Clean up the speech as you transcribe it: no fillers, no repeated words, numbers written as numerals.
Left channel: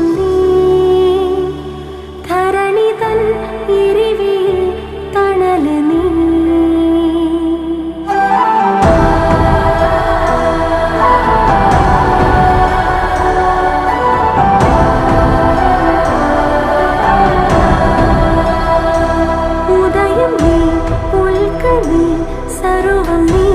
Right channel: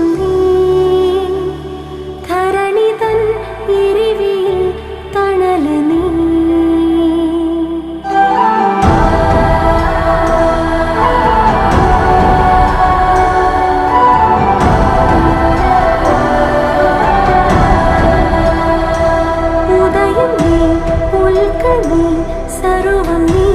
വെളിച്ചം നീ ധരണി തൻ ഇരിവിൽ തണല് നീ ഉദയം നീ ഉൽക്ക നീ സർവം നീ